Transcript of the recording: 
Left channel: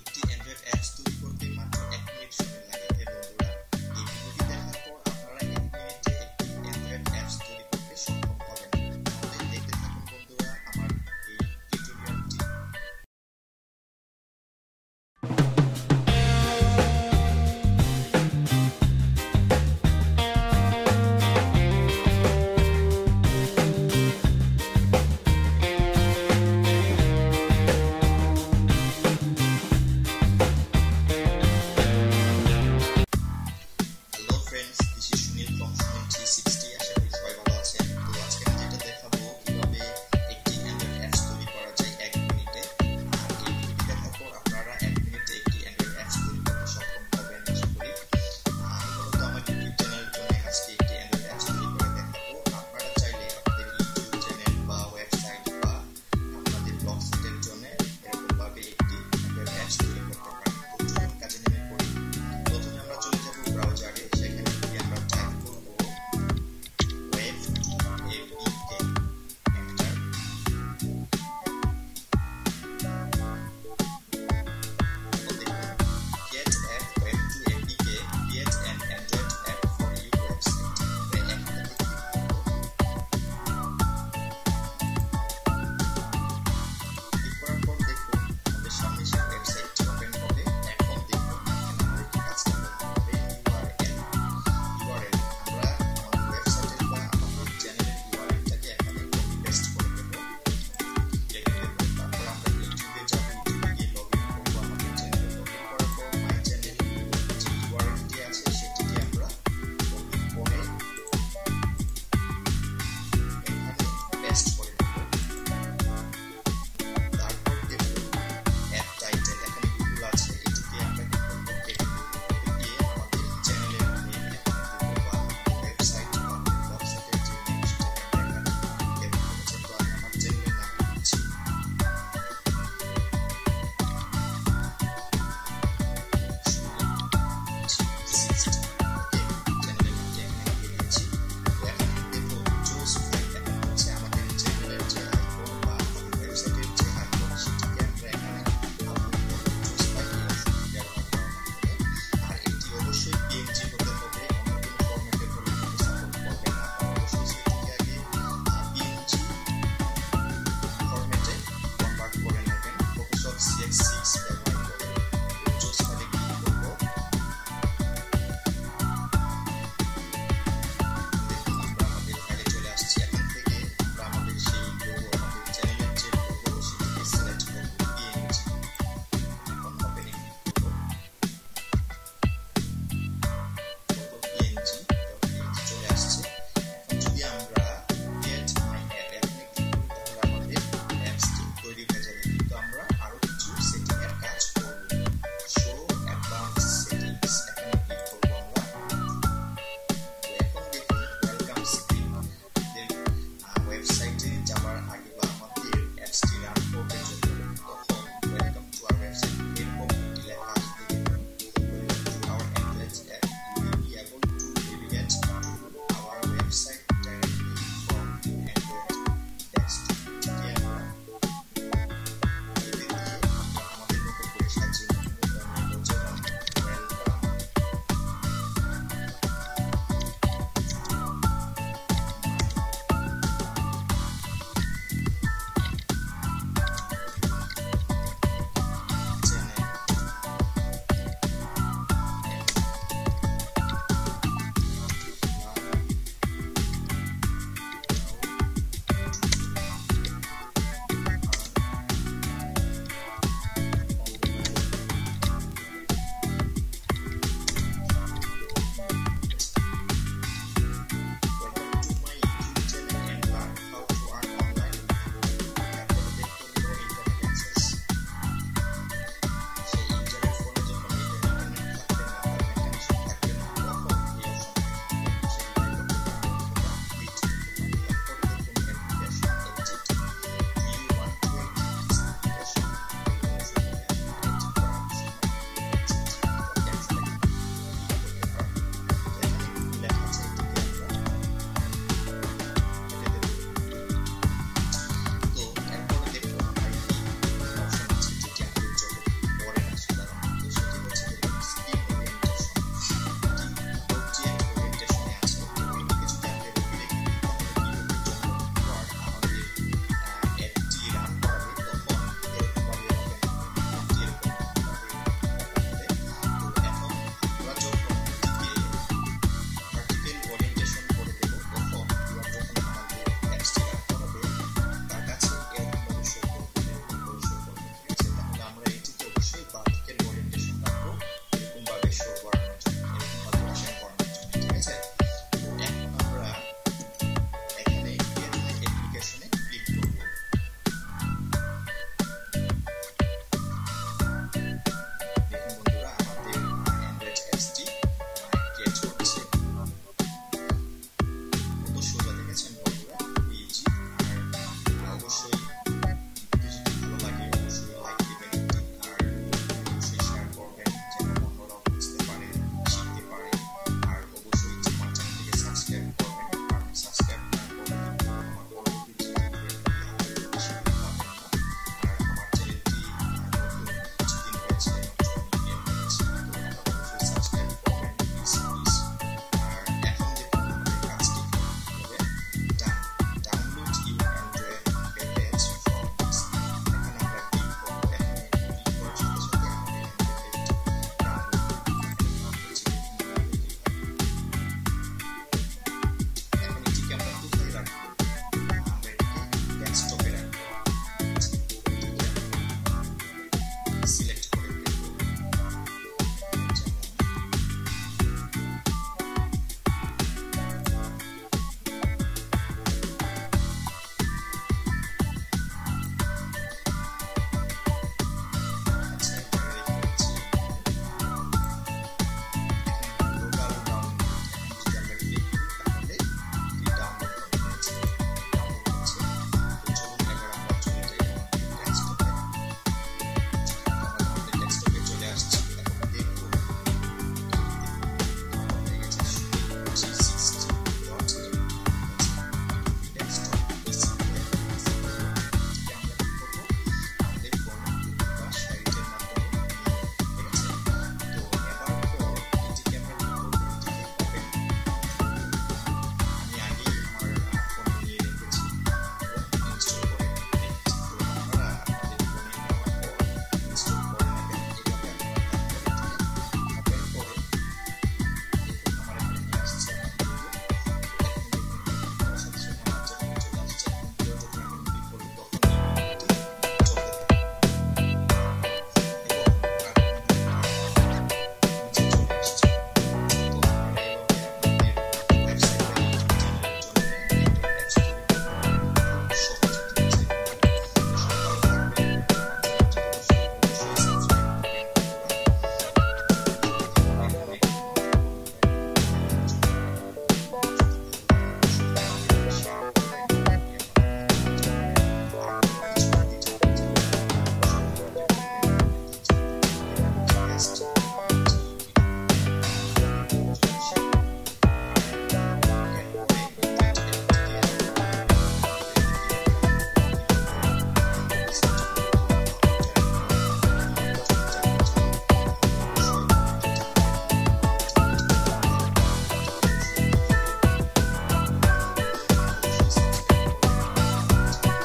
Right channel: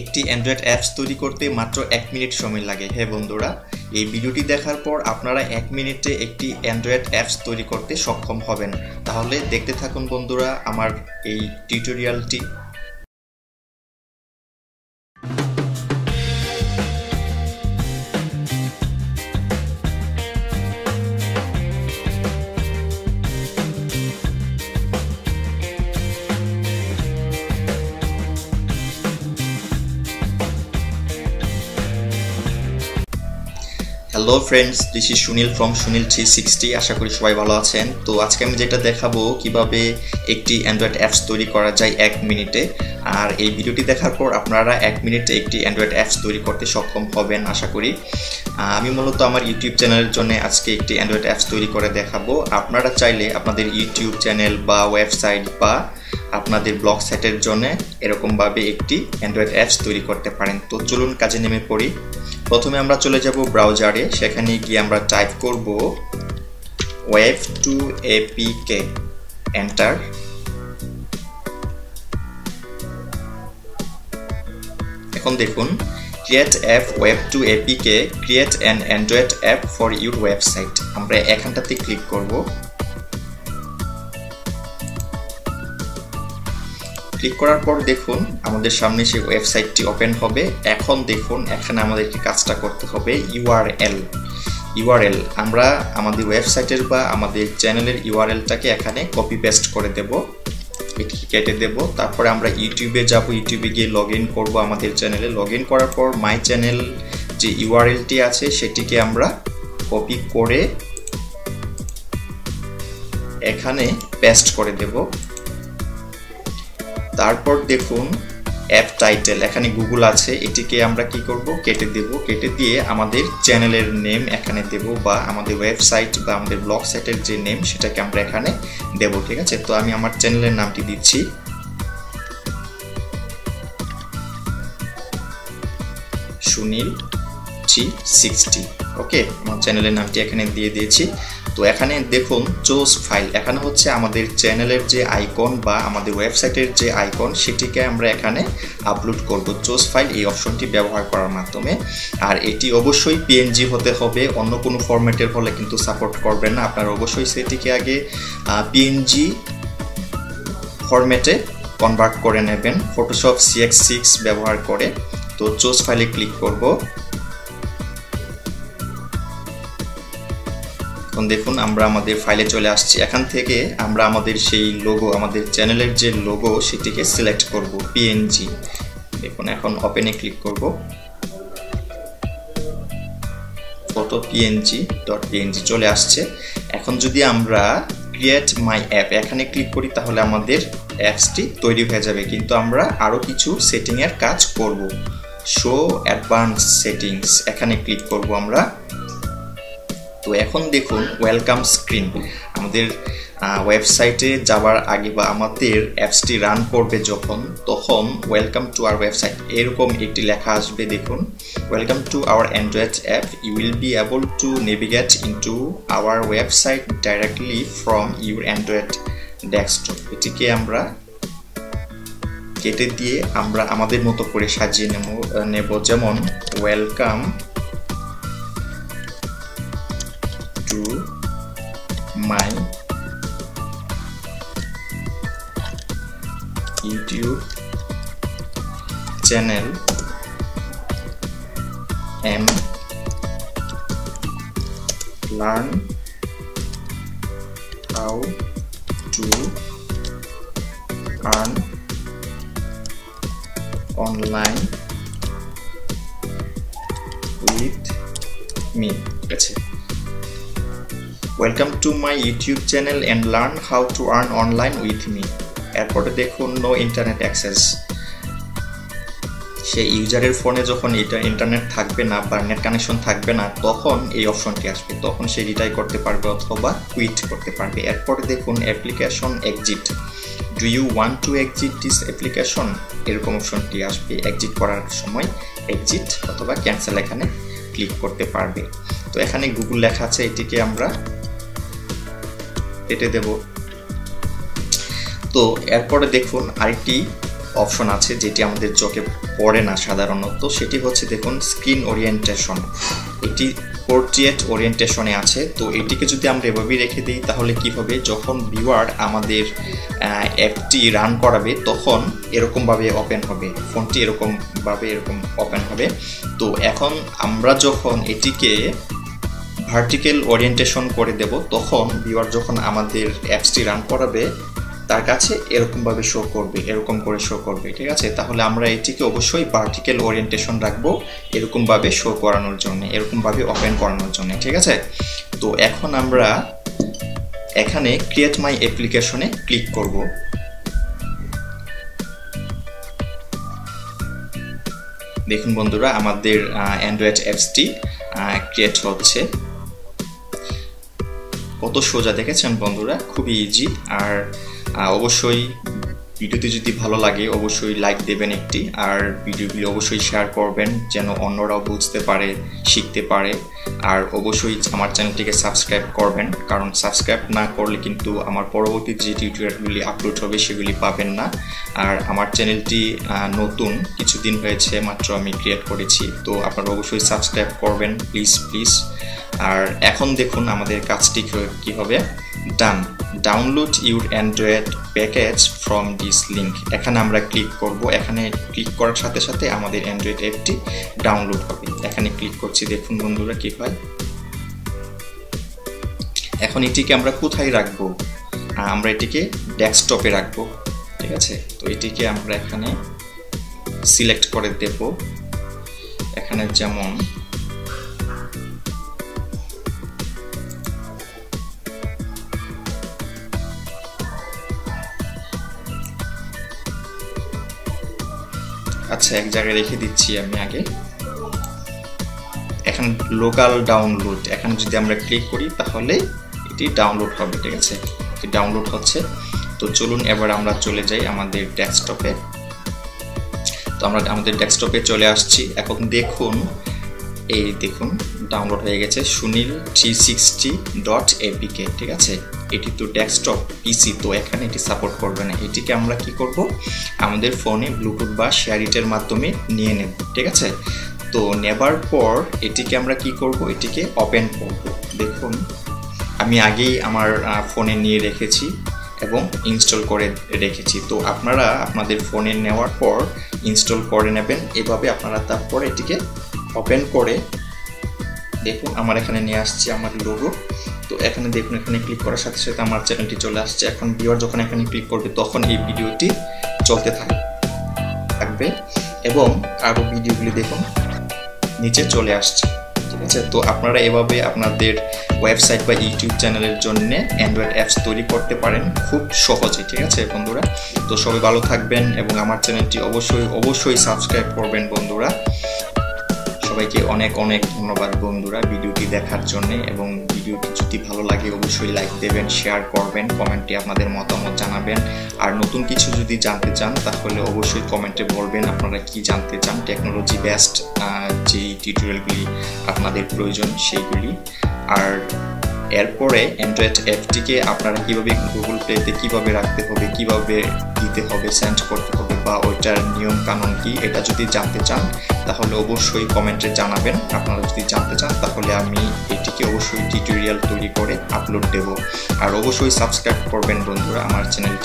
একটি Android apps তৈরি করতে মাত্র 1 মিনিট সময় লাগে। হ্যাঁ বন্ধুরা, এই ভিডিওটি দেখার পর আপনারা 1 মিনিটে একটি অ্যান্ড্রয়েড অ্যাপস তৈরি করতে সক্ষম হবেন। তাহলে দেখতে থাকুন বন্ধুরা আমার এই টিউটোরিয়ালটি। Hello friends, this is Sunil from Sunil 360। আশা করি সবাই ভালো আছেন। তো আজকে আমি যেটা দেখাবো কিভাবে একটি অ্যান্ড্রয়েড অ্যাপস তৈরি করা যায় 1 মিনিটে। আর এই ভিডিওটি দেখার পর আপনারা 1 মিনিটে একটি অ্যান্ড্রয়েড অ্যাপস তৈরি করতে সক্ষম হবেন আশা করি। আমি মূলত আমার ইউটিউব চ্যানেলের জন্য আজকে একটি অ্যান্ড্রয়েড অ্যাপস তৈরি করে দেখাবো। আপনারা চাইলে আপনাদের ইউটিউব চ্যানেল বা ওয়েবসাইট বা আপনাদের ব্লগ সাইটের জন্য এরকমভাবে একটি অ্যান্ড্রয়েড অ্যাপস তৈরি করতে পারেন। তো চলুন কাজে নেমে পড়ি। প্রথমে আমরা চলে যাব ব্রাউজারে। সেখানে গিয়ে আমরা টাইপ করব web2apk, এন্টার। এখন দেখুন create app web2apk, create an Android app for your website. আমরা এখানটাতে ক্লিক করব। ক্লিক করার পর দেখুন আমাদের সামনে সেই ওয়েবসাইটটি ওপেন হবে। এখন দেখুন এখানে আমাদেরকে কাজটা করতে হবে ইউআরএল। আমরা আমাদের ওয়েবসাইটের বা আমাদের চ্যানেলের ইউআরএলটাকে এখানে কপি পেস্ট করে দেব, এটি কেটে দেব। তারপরে আমরা ইউটিউবে যাব, ইউটিউবে গিয়ে লগ ইন করবো আমাদের চ্যানেলে। লগ ইন করার পর মাই চ্যানেল যে ইউআরএলটি আছে সেটিকে আমরা কপি করে এখানে পেস্ট করে দেব। তারপর দেখুন অ্যাপ টাইটেল, এখানে গুগল আছে, এটিকে আমরা কি করব কেটে দেব। কেটে দিয়ে আমাদের চ্যানেলের নেম এখানে দেব, বা আমাদের ওয়েবসাইট বা আমাদের ব্লগ সাইটের যে নেম সেটাকে আমরা এখানে দেব। ঠিক আছে, তো আমি আমার চ্যানেলের নামটি দিচ্ছি সুনীল 360। ওকে, আমার চ্যানেলের নামটি এখানে দিয়ে দিয়েছি। তো এখানে দেখুন চুজ ফাইল, এখানে হচ্ছে আমাদের চ্যানেলের যে আইকন বা আমাদের ওয়েবসাইটের যে আইকন সেটিকে আমরা এখানে আপলোড করব চুজ ফাইল এই অপশনটি ব্যবহার করার মাধ্যমে। আর এটি অবশ্যই পিএনজি হতে হবে, অন্য কোনো ফরম্যাটের হলে কিন্তু সাপোর্ট করবে না। আপনারা অবশ্যই সেটিকে আগে পিএনজি ফরম্যাটে কনভার্ট করে নেবেন ফটোশপ CX6 ব্যবহার করে। তো চুজ ফাইলে ক্লিক করব। দেখুন আমরা আমাদের ফাইলে চলে আসছি। এখান থেকে আমরা আমাদের সেই লোগো, আমাদের চ্যানেলের যে লোগো সেটিকে সিলেক্ট করব পিএনজি। দেখুন এখন ওপেনে ক্লিক করব। ফটো png.png চলে আসছে। এখন যদি আমরা ক্রিয়েট মাই অ্যাপ এখানে ক্লিক করি তাহলে আমাদের অ্যাপসটি তৈরি হয়ে যাবে। কিন্তু আমরা আরো কিছু সেটিং এর কাজ করব। শো অ্যাডভান্স সেটিংস এখানে ক্লিক করব আমরা। তো এখন দেখুন ওয়েলকাম স্ক্রিন, আমাদের ওয়েবসাইটে যাওয়ার আগে বা আমাদের অ্যাপসটি রান করবে তখন ওয়েলকাম টু আওয়ার ওয়েবসাইট এরকম একটি লেখা আসবে। দেখুন welcome to our Android app, you will be able to navigate into our website directly from your Android desktop. এটিকে আমরা কেটে দিয়ে আমরা আমাদের মতো করে সাজিয়ে নেব। যেমন welcome my YouTube channel and learn how to earn online with me. That's it. Welcome to my YouTube channel and learn how to earn online with me. এরপরে দেখুন নো ইন্টারনেট অ্যাক্সেস। সেই ইউজারের ফোনে যখন ইন্টারনেট থাকবে না বা net connection থাকবে না তখন এই অপশনটি আসবে, তখন সে রিটাই করতে পারবে অথবা কুইট করতে পারবে। এরপরে দেখুন application exit, do you want to exit this application এরকম অপশনটি আসবে। এক্সিট করার সময় এক্সিট অথবা ক্যান্সেল এখানে ক্লিক করতে পারবে। তো এখানে গুগল লেখা আছে, এটিকে আমরা কেটে দেব। তো এরপরে দেখুন আরেকটি অপশন আছে যেটি আমাদের চোখে পড়ে না সাধারণত, সেটি হচ্ছে দেখুন স্ক্রিন ওরিয়েন্টেশন। এটি পোর্ট্রেট ওরিয়েন্টেশনে আছে। তো এটিকে যদি আমরা এভাবেই রেখে দিই তাহলে কি হবে, যখন ভিউয়ার আমাদের অ্যাপটি রান করাবে তখন এরকমভাবে ওপেন হবে, ফোনটি এরকম ওপেন হবে। তো এখন আমরা যখন এটিকে ভার্টিক্যাল ওরিয়েন্টেশন করে দেব তখন ভিউয়ার যখন আমাদের অ্যাপসটি রান করাবে তার কাছে এরকমভাবে শো করবে, এরকম করে শো করবে, ঠিক আছে। তাহলে আমরা এটিকে অবশ্যই ভার্টিক্যাল ওরিয়েন্টেশন রাখবো এরকমভাবে শো করানোর জন্য, এরকমভাবে ওপেন করানোর জন্য, ঠিক আছে। তো এখন আমরা এখানে ক্রিয়েট মাই অ্যাপ্লিকেশনে ক্লিক করব। দেখুন বন্ধুরা, আমাদের অ্যান্ড্রয়েড অ্যাপসটি ক্রিয়েট হচ্ছে। কত সোজা দেখেছেন বন্ধুরা, খুবই ইজি। আর অবশ্যই ভিডিওটি যদি ভালো লাগে অবশ্যই লাইক দেবেন একটি, আর ভিডিওগুলি অবশ্যই শেয়ার করবেন যেন অন্যরাও বুঝতে পারে, শিখতে পারে। আর অবশ্যই আমার চ্যানেলটিকে সাবস্ক্রাইব করবেন, কারণ সাবস্ক্রাইব না করলে কিন্তু আমার পরবর্তী যে টিউটোরিয়ালগুলি আপলোড হবে সেগুলি পাবেন না। আর আমার চ্যানেলটি নতুন, কিছুদিন হয়েছে মাত্র আমি ক্রিয়েট করেছি, তো আপনারা অবশ্যই সাবস্ক্রাইব করবেন প্লিজ। আর এখন দেখুন আমাদের কাজটি কি হবে, download your Android package from this link. এখানে আমরা ক্লিক করব। এখানে ক্লিক করার সাথে সাথে আমাদের অ্যান্ড্রয়েড অ্যাপটি ডাউনলোড হবে। এখানে ক্লিক করছি, দেখুন বন্ধুরা কি হয়। এখন এটিকে আমরা কোথায় রাখবো, আমরা এটিকে ডেস্কটপে রাখবো, ঠিক আছে। তো এটিকে আমরা এখানে সিলেক্ট করে দেব। এখানে যেমন আচ্ছা, এক জায়গায় রেখে দিচ্ছি আমি আগে। এখন লোকাল ডাউনলোড, এখানে যদি আমরা ক্লিক করি তাহলে এটি ডাউনলোড হবে, ঠিক আছে। এটি ডাউনলোড হচ্ছে। তো চলুন এবার আমরা চলে যাই আমাদের ডেস্কটপে। তো আমরা আমাদের ডেস্কটপে চলে আসছি। এখন দেখুন, এই দেখুন ডাউনলোড হয়ে গেছে sunil360.apk, ঠিক আছে। এটি তো ডেস্কটপ পিসি, তো এখানে এটি সাপোর্ট করবে না। এটিকে আমরা কি করব, আমাদের ফোনে ব্লুটুথ বা শেয়ারিটের মাধ্যমে নিয়ে নেব, ঠিক আছে। তো নেবার পর এটিকে আমরা কি করব, এটিকে ওপেন করব। দেখুন আমি আগেই আমার ফোনে নিয়ে রেখেছি এবং ইনস্টল করে রেখেছি। তো আপনারা আপনাদের ফোনে নেওয়ার পর ইনস্টল করে নেবেন এভাবে। আপনারা তারপর এটিকে ওপেন করে দেখুন আমার এখানে নিয়ে আসছে আমার লোগো। তো এখানে দেখুন, এখানে ক্লিক করার সাথে সাথে আমার চ্যানেলটি চলে আসছে। এখন ভিউয়ার যখন এখানে ক্লিক করবে তখন এই ভিডিওটি চলতে থাকবে এবং আরও ভিডিওগুলি দেখুন নিচে চলে আসছে, ঠিক আছে। তো আপনারা এভাবে আপনাদের ওয়েবসাইট বা ইউটিউব চ্যানেলের জন্য অ্যান্ড্রয়েড অ্যাপস তৈরি করতে পারেন খুব সহজে, ঠিক আছে বন্ধুরা। তো সবাই ভালো থাকবেন এবং আমার চ্যানেলটি অবশ্যই সাবস্ক্রাইব করবেন বন্ধুরা। সবাইকে অনেক ধন্যবাদ বন্ধুরা ভিডিওটি দেখার জন্য। এবং ভিডিওটি যদি ভালো লাগে অবশ্যই লাইক দেবেন, শেয়ার করবেন, কমেন্টে আপনাদের মতামত জানাবেন। আর নতুন কিছু যদি জানতে চান তাহলে অবশ্যই কমেন্টে বলবেন আপনারা কি জানতে চান, টেকনোলজি বেসড যে টিউটোরিয়ালগুলি আপনাদের প্রয়োজন সেইগুলি। আর এরপরে অ্যান্ড্রয়েড অ্যাপটিকে আপনারা কীভাবে গুগল প্লেতে কীভাবে রাখতে হবে, কীভাবে দিতে হবে, সেন্ড করতে হবে বা ওইটার নিয়ম কানুন কি, এটা যদি জানতে চান তাহলে অবশ্যই কমেন্টে জানাবেন। আপনারা যদি জানতে চান তাহলে আমি এটিকে অবশ্যই টিউটোরিয়াল তৈরি করে আপলোড দেব। আর অবশ্যই সাবস্ক্রাইব করবেন বন্ধুরা আমার চ্যানেল।